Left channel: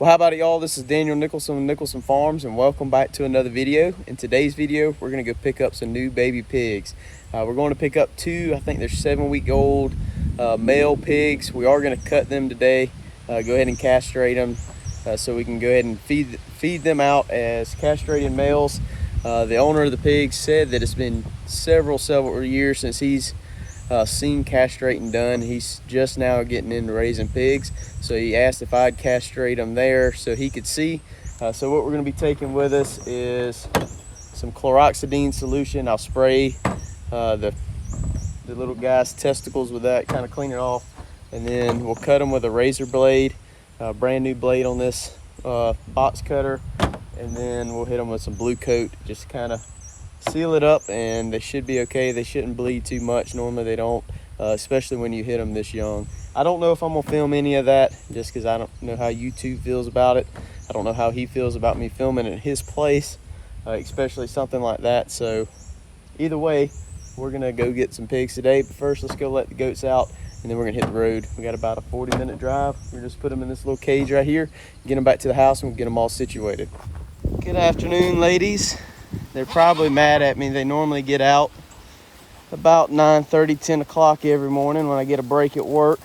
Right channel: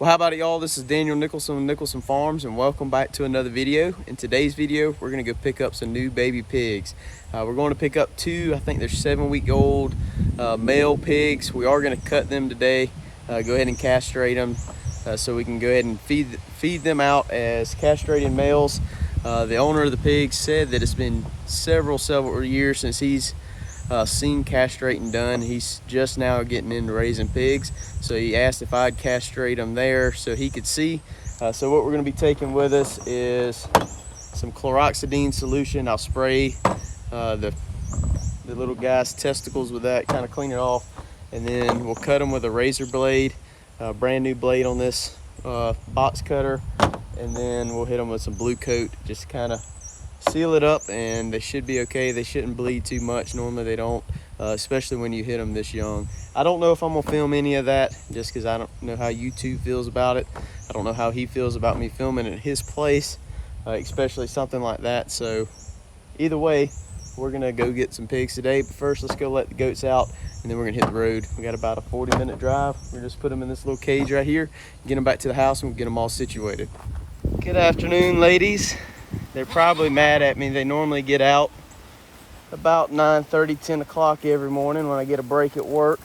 Well, how about it, y'all? This is Daniel Nicholson with Nicholson Farms, and welcome back to another video. In today's video, we're going to go pick up some new baby pigs. We're going to pick up two, I think they're 7-week-old male pigs. We are going to cut them today, go ahead and castrate them so we can go ahead and feed them out as castrated males. The owner of the pigs said that it's been several years since he's seen castrating done. He's just now getting into raising pigs, so he asked if I'd castrate them there so he could see. So what we're going to be taking with us is some chloroxidine solution. I'll spray the little guy's testicles with that, kind of clean it off, and then we'll cut them with a razor blade, brand new blade on this box cutter, and then we'll hit them with some blue coat, just kind of seal it up, and they should be okay. They shouldn't bleed too much. Normally they don't, especially when you hit them this young. I don't know if I'm gonna film any of that just because I don't know how YouTube feels about it. I don't know how he feels about me filming at his place, especially something like that. So either way, we're gonna go get some pigs today, but first let's go let the goats out, and then we're gonna hit the road. We got about a 40-minute drive. We're just put them in this little cage right here, get them back to the house, and we'll get them all situated. Good afternoon, ladies. They're probably mad at me. They normally get out about 9:30, 10 o'clock every morning when I get a break at work.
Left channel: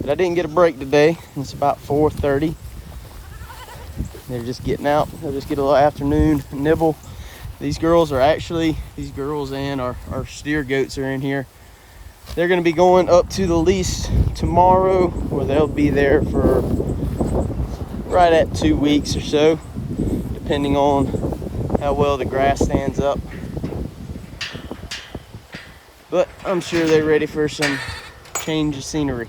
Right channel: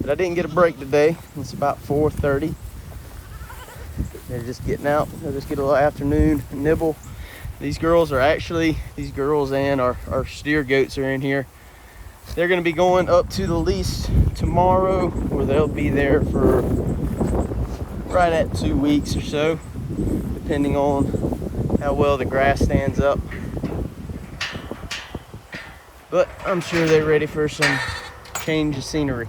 But I didn't get a break today. It's about 4:30. They're just getting out. They'll just get a little afternoon nibble. These girls and our steer goats are in here. They're going to be going up to the lease tomorrow, where they'll be there for right at 2 weeks or so, depending on how well the grass stands up. But I'm sure they're ready for some change of scenery.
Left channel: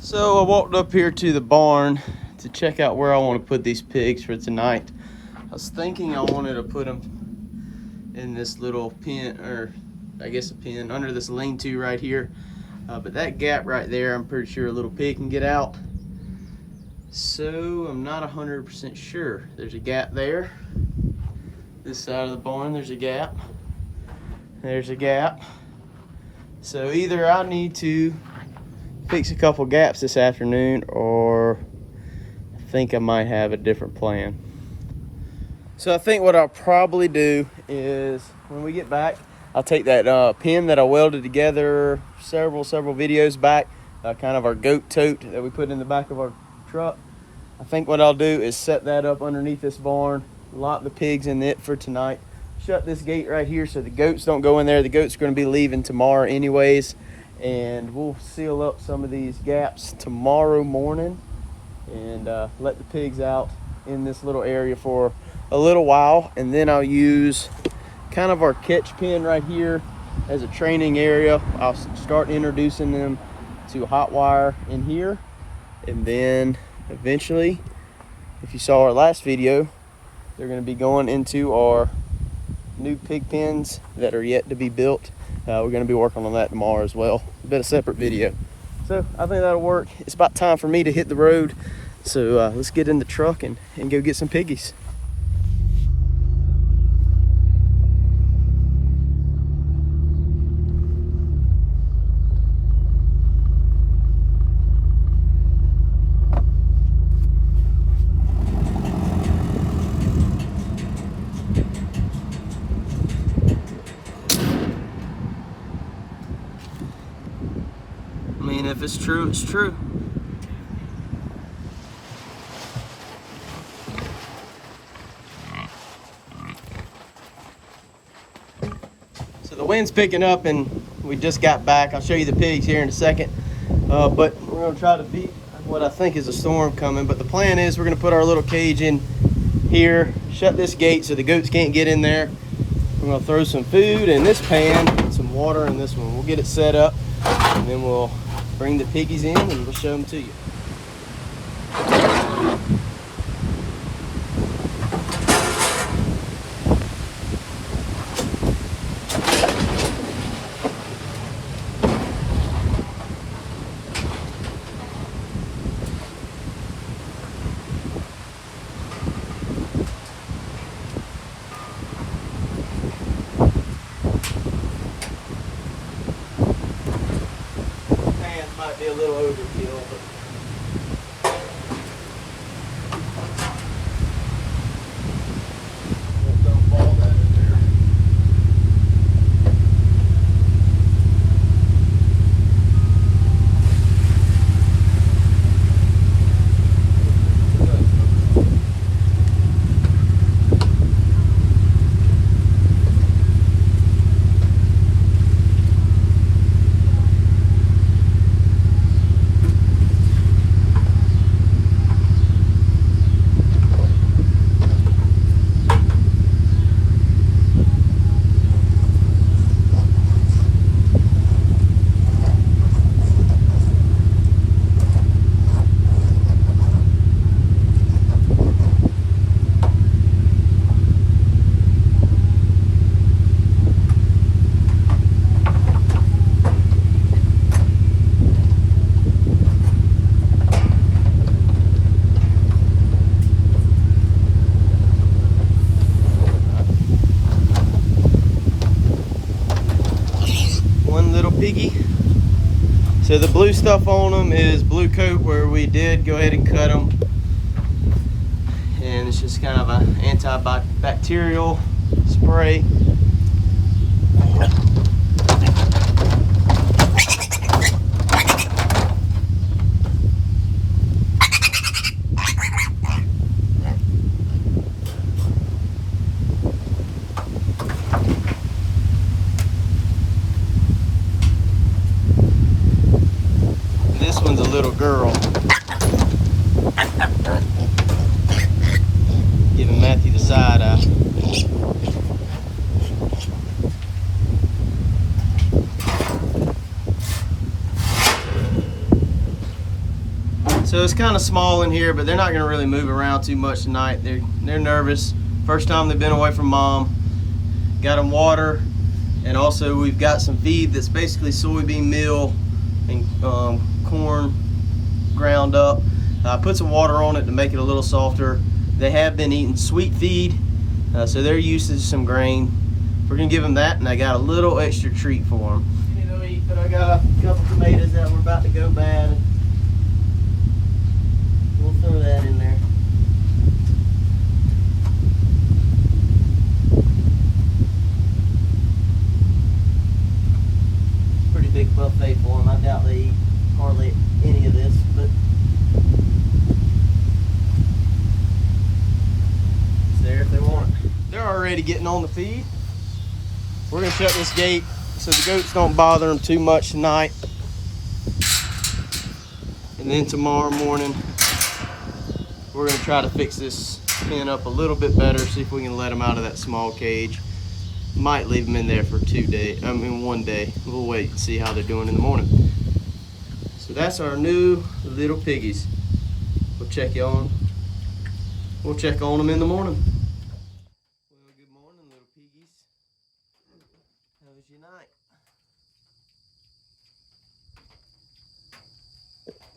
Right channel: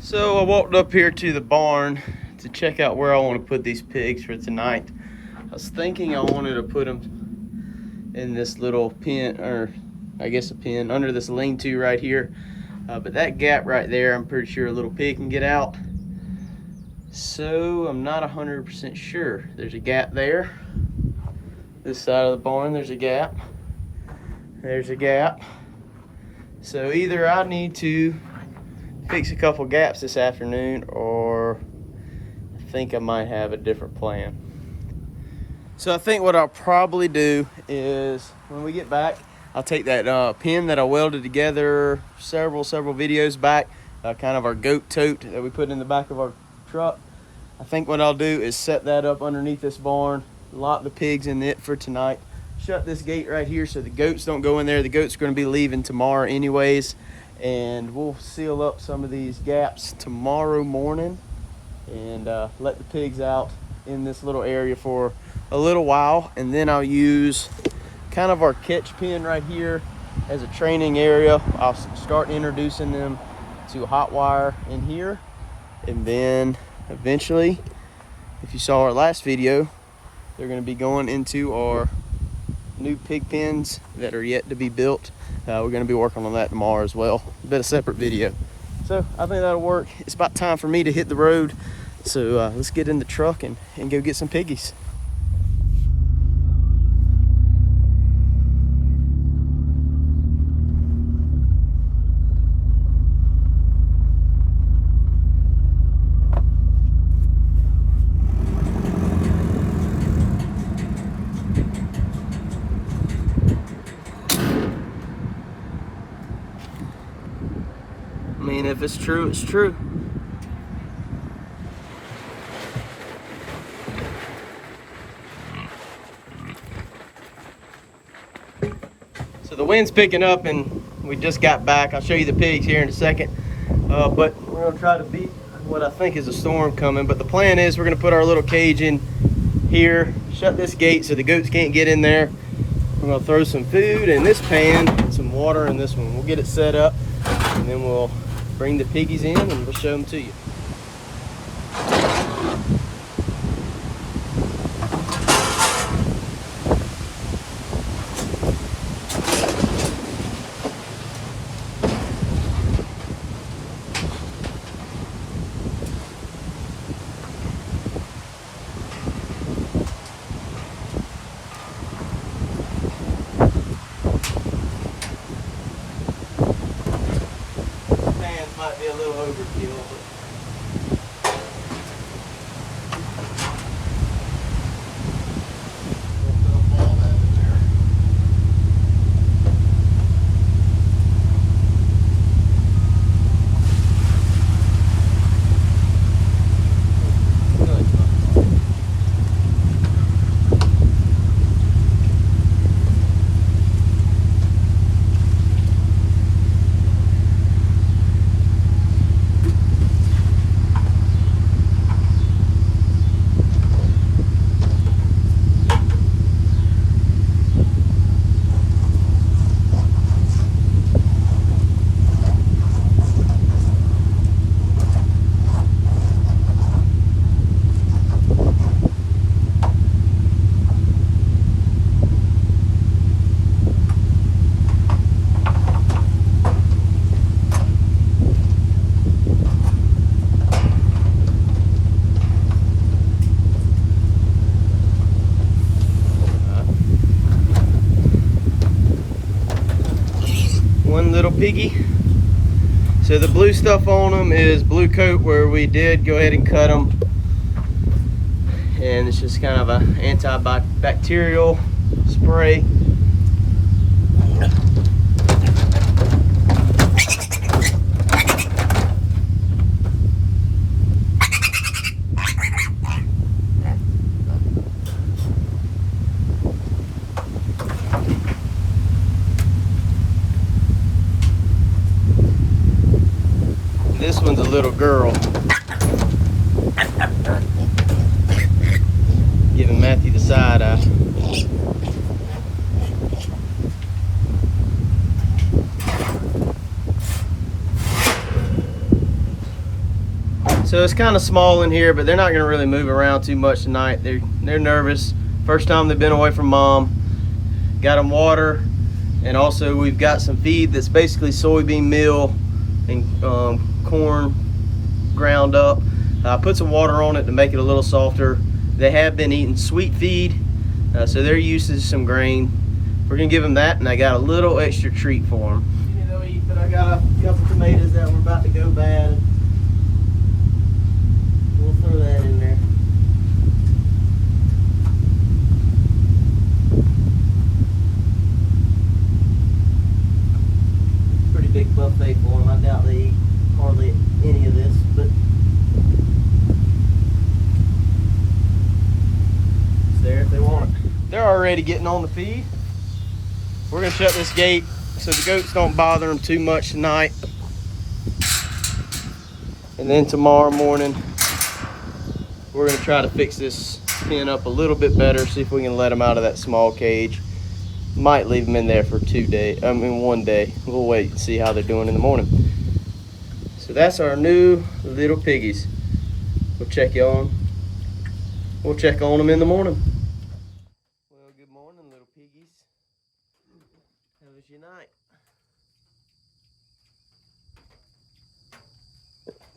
So I walked up here to the barn to check out where I want to put these pigs for tonight. I was thinking I wanted to put them in this little pen, or I guess a pen, under this lean-to right here. But that gap right there, I'm pretty sure a little pig can get out. So I'm not 100% sure. There's a gap there. This side of the barn, there's a gap. There's a gap. So either I need to fix a couple gaps this afternoon, or I think I might have a different plan. So I think what I'll probably do is when we get back, I'll take that pin that I welded together several videos back, kind of our goat tote that we put in the back of our truck. I think what I'll do is set that up underneath this barn, lock the pigs in it for tonight, shut this gate right here so the goats don't go in there. The goats are going to be leaving tomorrow anyways, and we'll seal up some of these gaps tomorrow morning and let the pigs out in this little area for a little while, and then I'll use kind of our catch pen right here as a training area. I'll start introducing them to hot wire in here, and then eventually, if you saw our last video, they're going to be going into our new pig pens that are yet to be built. We're going to be working on that tomorrow as well, a bit of separate video. So I think that'll work. It's about time for me to hit the road, so let's get in the truck and go get some piggies. I mean, if it's true, it's true. So the wind's picking up and we just got back. I'll show you the pigs here in a second. But we're gonna try to beat what I think is a storm coming. But the plan is we're gonna put our little cage in here, shut this gate so the goats can't get in there. We're gonna throw some food in this pan, some water in this one. We'll get it set up, and then we'll bring the piggies in and we'll show them to you. That might be a little overkill, but we'll dump all that in there. One little piggy. So the blue stuff on them is blue coat, where we did go ahead and cut them, and it's just kind of an antibacterial spray. This one's a little girl. Giving Matthew the side eye. So it's kind of small in here, but they're not going to really move around too much tonight. They're nervous. First time they've been away from mom. Got them water, and also we've got some feed that's basically soybean meal and corn ground up. I put some water on it to make it a little softer. They have been eating sweet feed, so they're used to some grain. We're gonna give them that, and I got a little extra treat for them. You know, but I got a couple tomatoes that were about to go bad. We'll throw that in there. Pretty big buffet for them. I doubt they eat hardly any of this, but it's there if they want it. They're already getting on the feed. We're gonna shut this gate so the goats don't bother them too much tonight. And then tomorrow morning, we're gonna try to fix this pen up a little bit better, see if we can let them out of that small cage. Might leave them in there for 1 day. We'll wait and see how they're doing in the morning. So that's our new little piggies. We'll check on them in the morning. Well, good morning, little piggies. How was your night?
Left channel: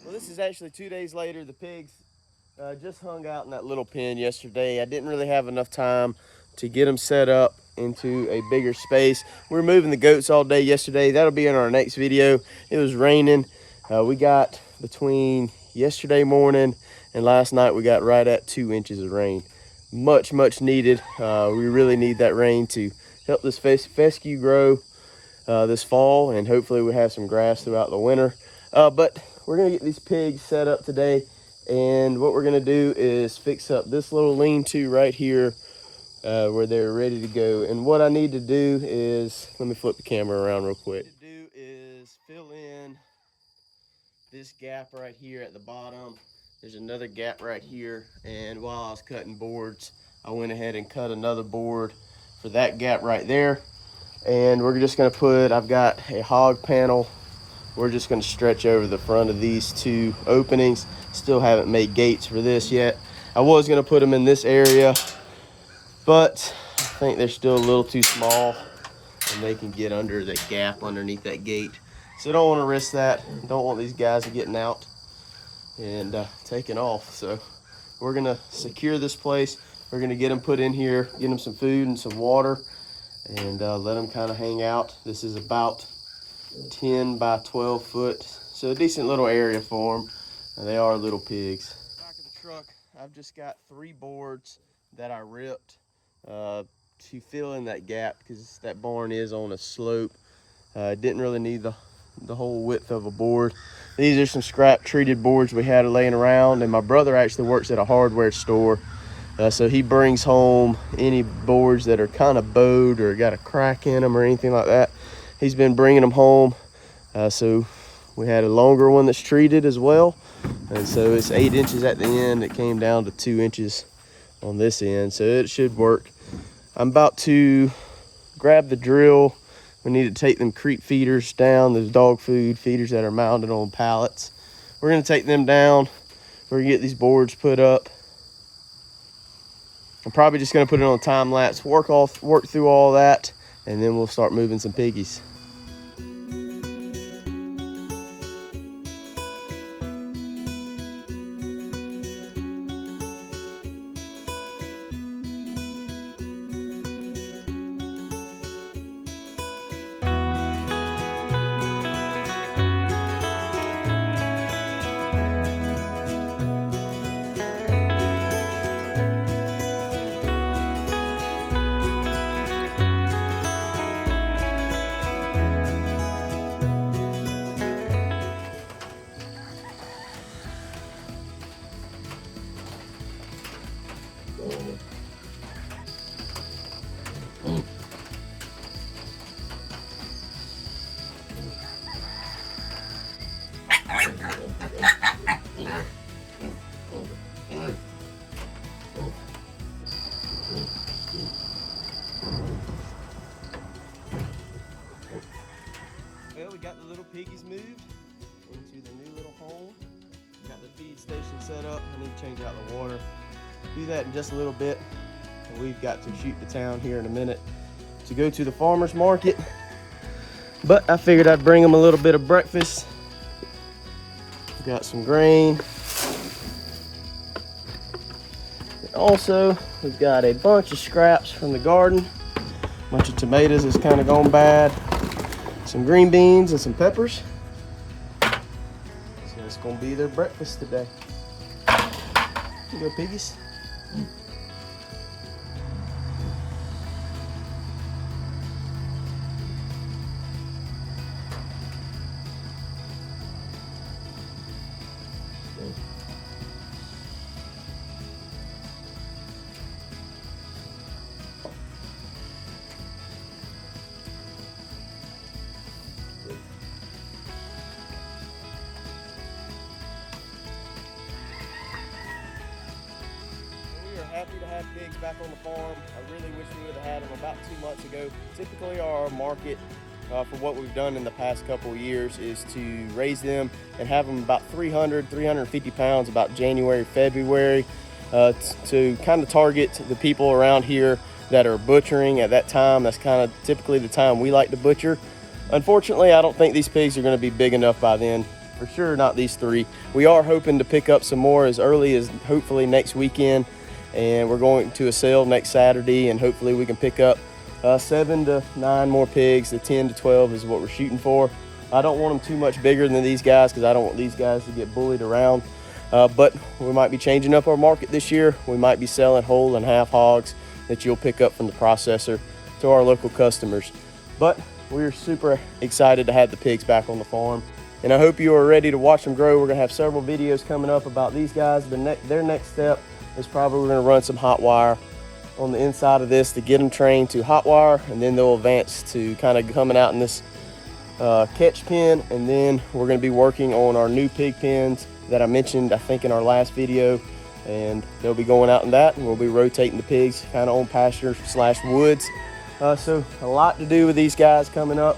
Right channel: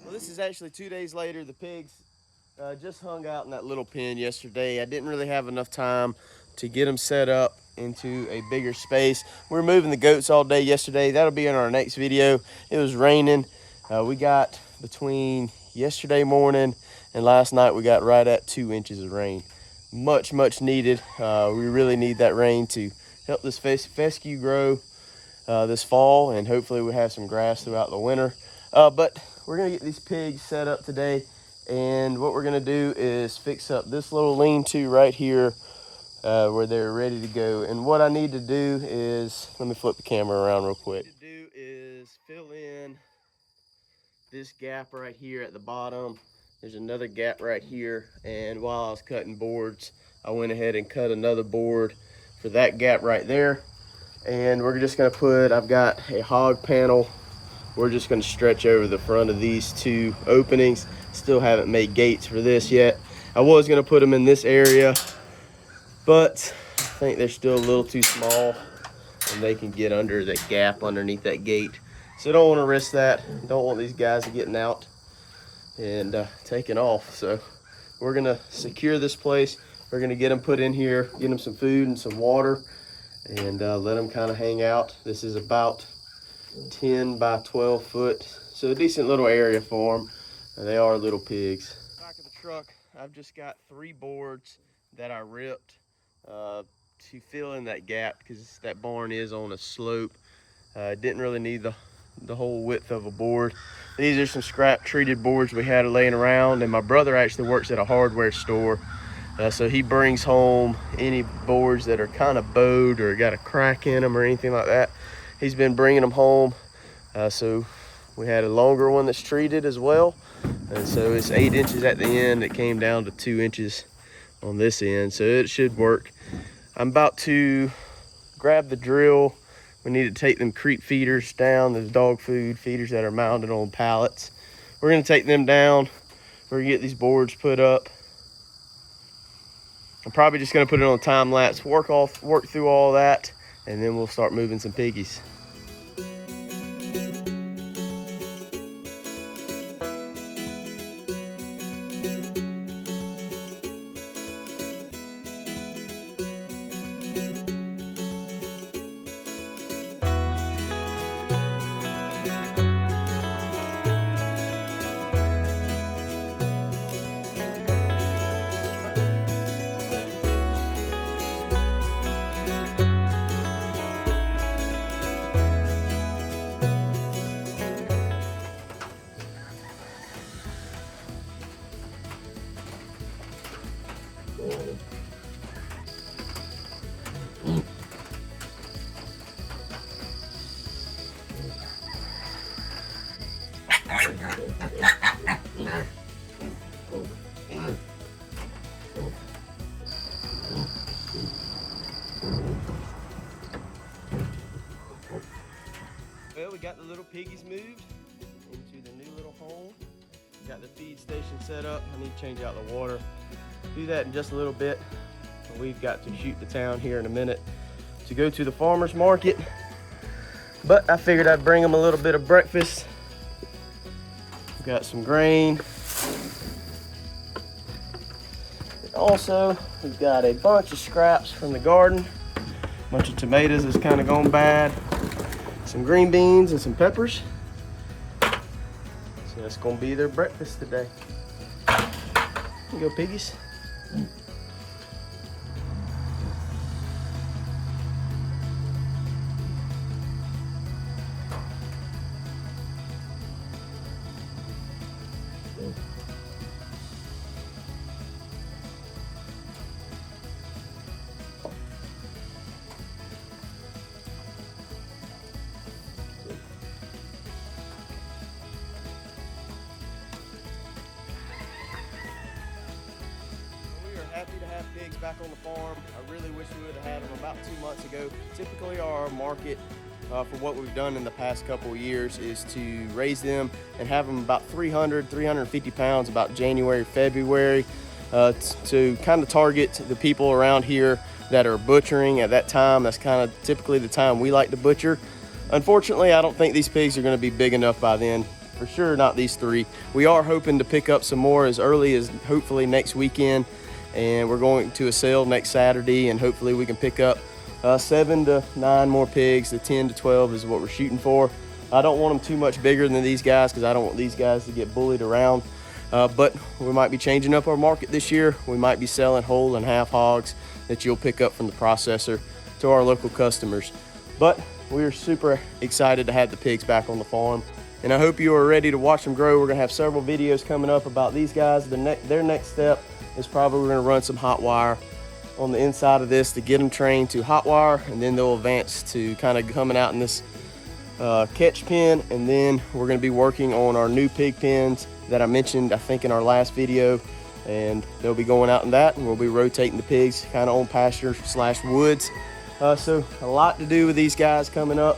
Well, this is actually 2 days later. The pigs just hung out in that little pen yesterday. I didn't really have enough time to get them set up into a bigger space. We were moving the goats all day yesterday. That'll be in our next video. It was raining. We got between yesterday morning and last night, we got right at 2 inches of rain. Much needed. We really need that rain to help this fescue grow this fall, and hopefully we have some grass throughout the winter. But we're gonna get these pigs set up today, and what we're gonna do is fix up this little lean-to right here where they're ready to go. And what I need to do is, let me flip the camera around real quick. What I need to do is fill in this gap right here at the bottom. There's another gap right here, and while I was cutting boards, I went ahead and cut another board for that gap right there. And we're just gonna put, I've got a hog panel. We're just gonna stretch over the front of these 2 openings. Still haven't made gates for this yet. I was gonna put them in this area, but I think they're still a little too small, and they can get under the gap underneath that gate. So I don't want to risk that. Don't want these guys getting out and taking off. So we're gonna secure this place. We're gonna get them put in here, get them some food and some water, and let them kind of hang out. This is about 10 by 12 foot So a decent little area for them. And they are little pigs. Back of the truck, I've just got 3 boards that I ripped to fill in that gap because that barn is on a slope. Didn't really need the whole width of a board. These are some scrap treated boards we had laying around, and my brother actually works at a hardware store. So he brings home any boards that are kind of bowed or got a crack in them or anything like that. He's been bringing them home. So we had a longer one that's treated as well. And so it's 8 inches at the end. It came down to 2 inches on this end. So it should work. I'm about to grab the drill. We need to take them creep feeders down, those dog food feeders that are mounted on pallets. We're gonna take them down. We're gonna get these boards put up. I'm probably just gonna put it on time lapse, work through all that, and then we'll start moving some piggies. Well, we got the little piggies moved into the new little home. Got the feed station set up. I need to change out the water. Do that in just a little bit. And we've got to shoot to town here in a minute to go to the farmer's market. But I figured I'd bring them a little bit of breakfast. We've got some grain. And also, we've got a bunch of scraps from the garden. A bunch of tomatoes that's kind of gone bad. Some green beans and some peppers. So that's gonna be their breakfast today. Here you go, piggies. Happy to have pigs back on the farm. I really wish we would have had them about 2 months ago. Typically our market for what we've done in the past couple of years is to raise them and have them about 350 pounds about January, February to kind of target the people around here that are butchering at that time. That's kind of typically the time we like to butcher. Unfortunately, I don't think these pigs are going to be big enough by then. For sure not these 3. We are hoping to pick up some more as early as hopefully next weekend. And we're going to a sale next Saturday, and hopefully we can pick up 7 to 9 more pigs. The 10 to 12 is what we're shooting for. I don't want them too much bigger than these guys because I don't want these guys to get bullied around. But we might be changing up our market this year. We might be selling whole and half hogs that you'll pick up from the processor to our local customers. But we're super excited to have the pigs back on the farm. And I hope you are ready to watch them grow. We're gonna have several videos coming up about these guys. Their next step is probably we're gonna run some hot wire on the inside of this to get them trained to hot wire, and then they'll advance to kind of coming out in this catch pen. And then we're gonna be working on our new pig pens that I mentioned, I think, in our last video. And they'll be going out in that, and we'll be rotating the pigs kind of on pasture / woods. So a lot to do with these guys coming up,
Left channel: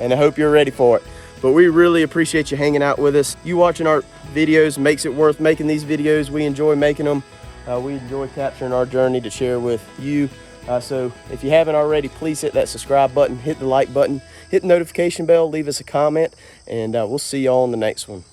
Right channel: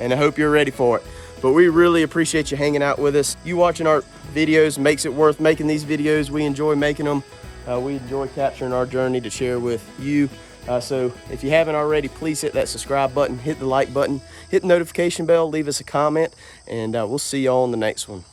and I hope you're ready for it. But we really appreciate you hanging out with us. You watching our videos makes it worth making these videos. We enjoy making them. We enjoy capturing our journey to share with you. So if you haven't already, please hit that subscribe button, hit the like button, hit the notification bell, leave us a comment, and we'll see y'all on the next one.